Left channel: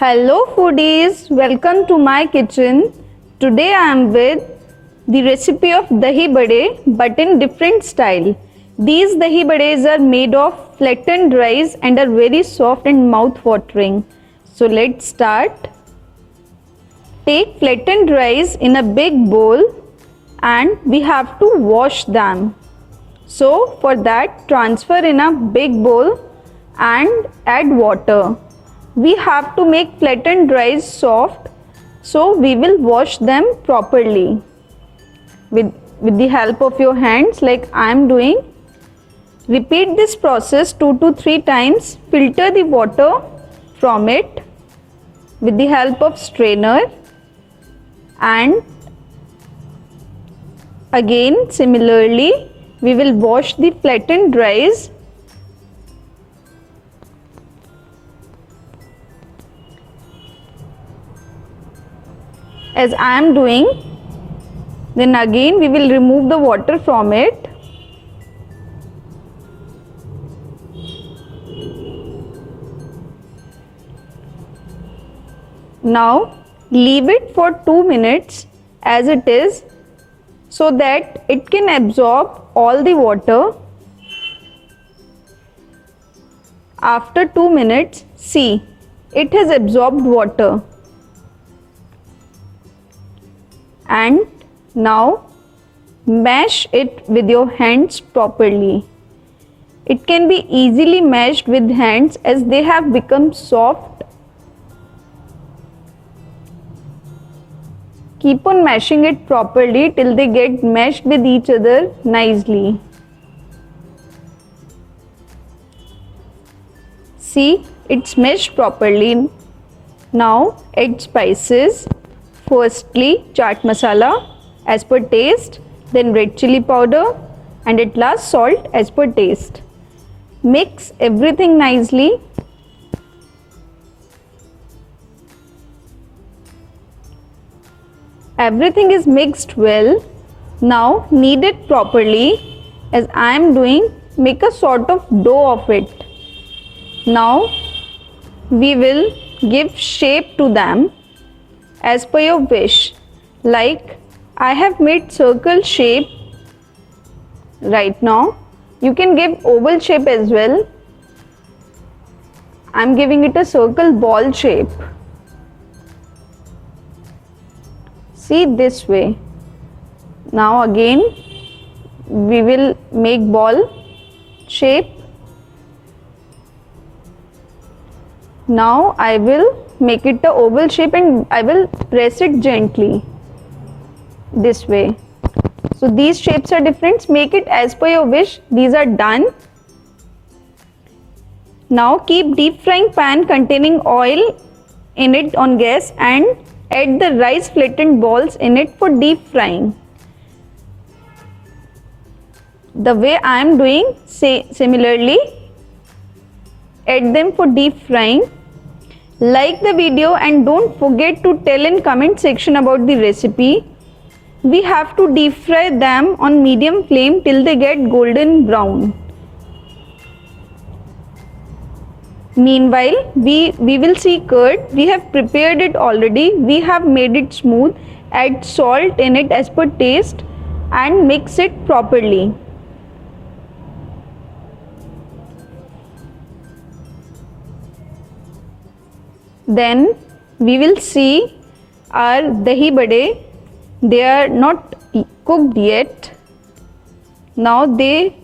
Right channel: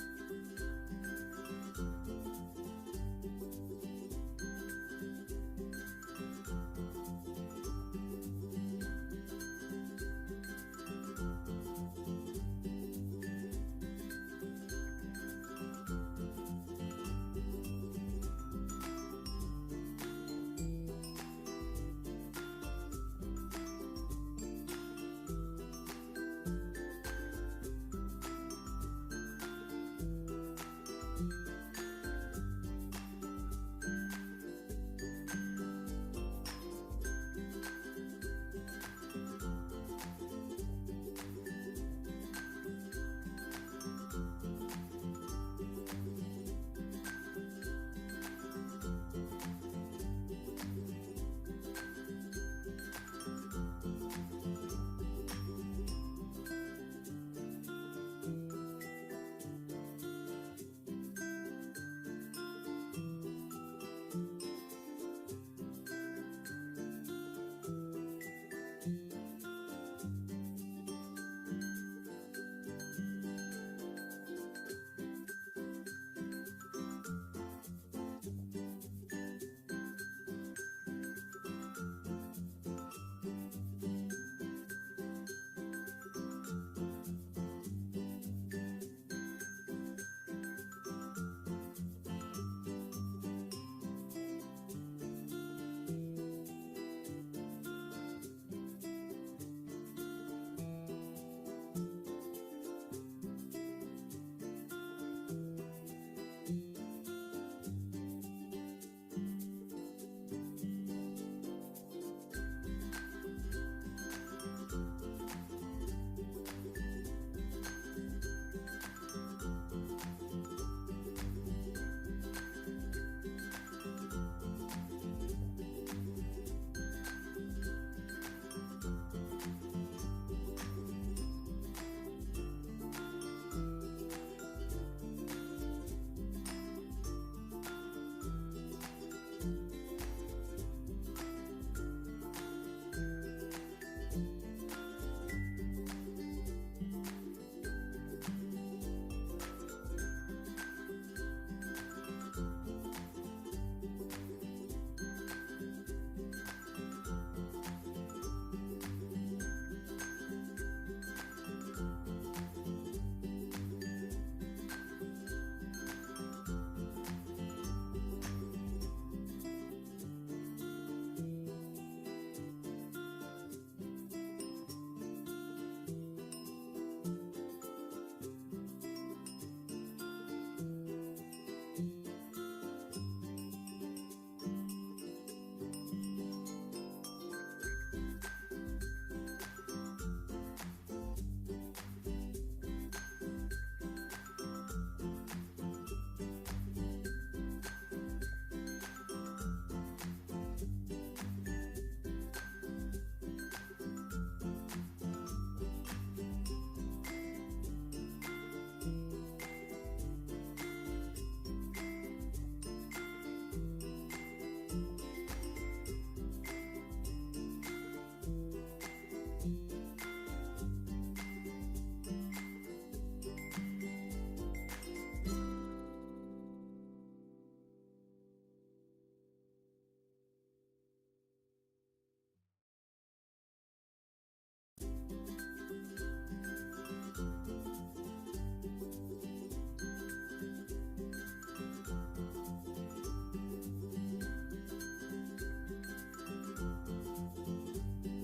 Hello foodies, welcome to my kitchen. Today I am with the recipe of dahi bade but in different style. These dahi bades are made of flattened rice and are very soft and mouth watering. So let's start. Take flattened rice in a big bowl and we have to wash them. So for that transfer in a big bowl and add water. We have to make flattened rice soft, so we will wash them properly with the help of your hands like I am doing. Repeat this process 2 to 3 times. Filter the water from it with the help of strainer and again similarly we will wash the flattened rice. As I am doing, then again we will remove the water from it. Now leave it for 2 minutes as it is so that it can absorb all the water. After 2 minutes, see, it has absorbed water. And now mash it with your hands properly. It can be easily mashed with hands as they have become soft. Keep on mashing it properly till they get mashed with each other nicely. See, it's mashed properly. Now add spices. Firstly, chaat masala as per taste, then red chili powder and at last salt as per taste. Mix everything nicely. Everything is mixed well. Now knead it properly as I am doing. Make a sort of dough of it. Now we will give shape to them as per your wish. Like I have made circle shape right now. You can give oval shape as well. I am giving it a circle ball shape. See, this way. Now again we will make ball shape. Now I will make it a oval shape and I will press it gently this way. So these shapes are different. Make it as per your wish. These are done. Now keep deep frying pan containing oil in it on gas and add the rice flattened balls in it for deep frying. The way I am doing, similarly add them for deep frying. Like the video and don't forget to tell in comment section about the recipe. We have to deep fry them on medium flame till they get golden brown. Meanwhile, we will see curd. We have prepared it already. We have made it smooth. Add salt in it as per taste and mix it properly. Then we will see our dahi bade. They are not cooked yet. Now we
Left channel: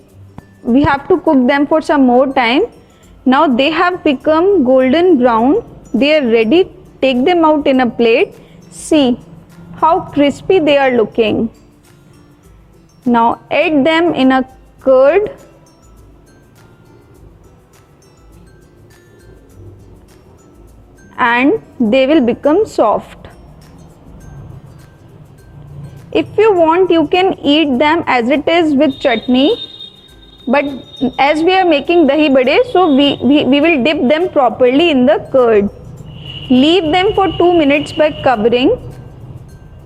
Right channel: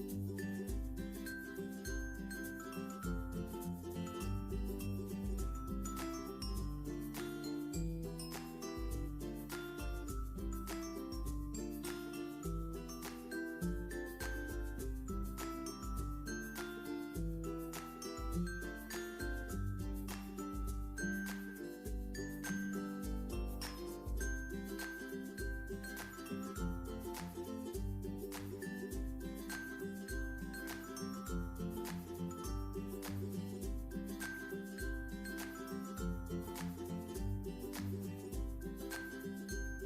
have to cook them for some more time. Now they have become golden brown. They are ready. Take them out in a plate. See how crispy they are looking. Now add them in a curd. And they will become soft. If you want, you can eat them as it is with chutney. But as we are making dahi bade, so we will dip them properly in the curd. Leave them for 2 minutes by covering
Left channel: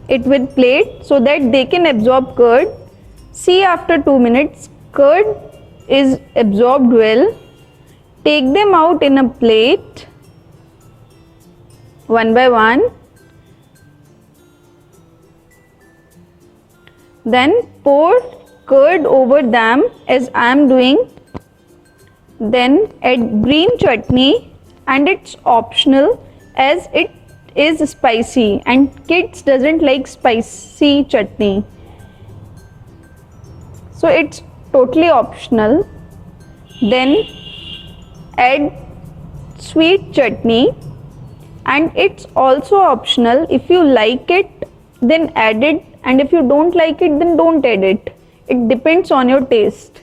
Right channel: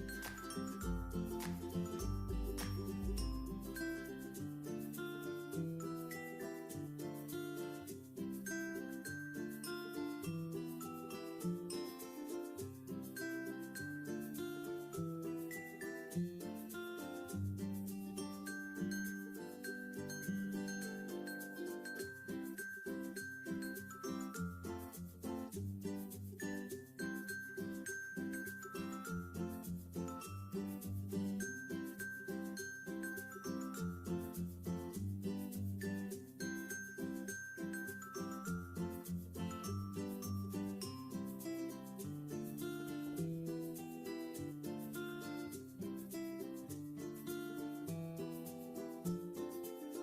it with plate so that they can absorb curd. See, after 2 minutes, curd is absorbed well. Take them out in a plate one by one. Then pour curd over them as I am doing. Then add green chutney, and it's optional as it is spicy and kids doesn't like spicy chutney. So it's totally optional. Then add sweet chutney, and it's also optional. If you like it, then add it, and if you don't like it, then don't add it. It depends on your taste.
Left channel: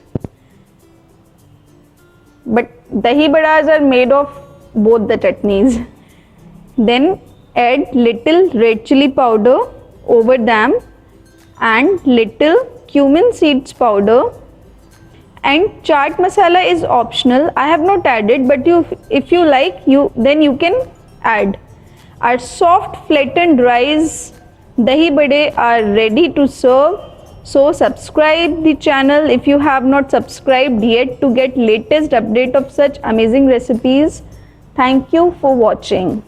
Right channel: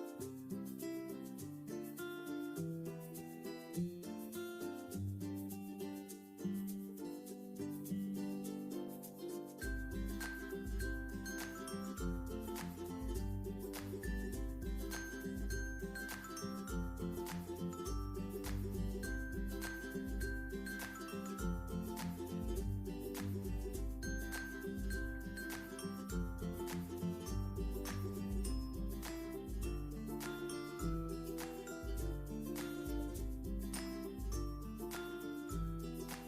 But dahi badas are made of both the chutneys. Then add little red chili powder over them and little cumin seeds powder, and chaat masala is optional. I have not added, but if you like, then you can add. Our soft flattened rice dahi bade are ready to serve. So subscribe the channel if you have not subscribed yet to get latest update of such amazing recipes. Thank you for watching.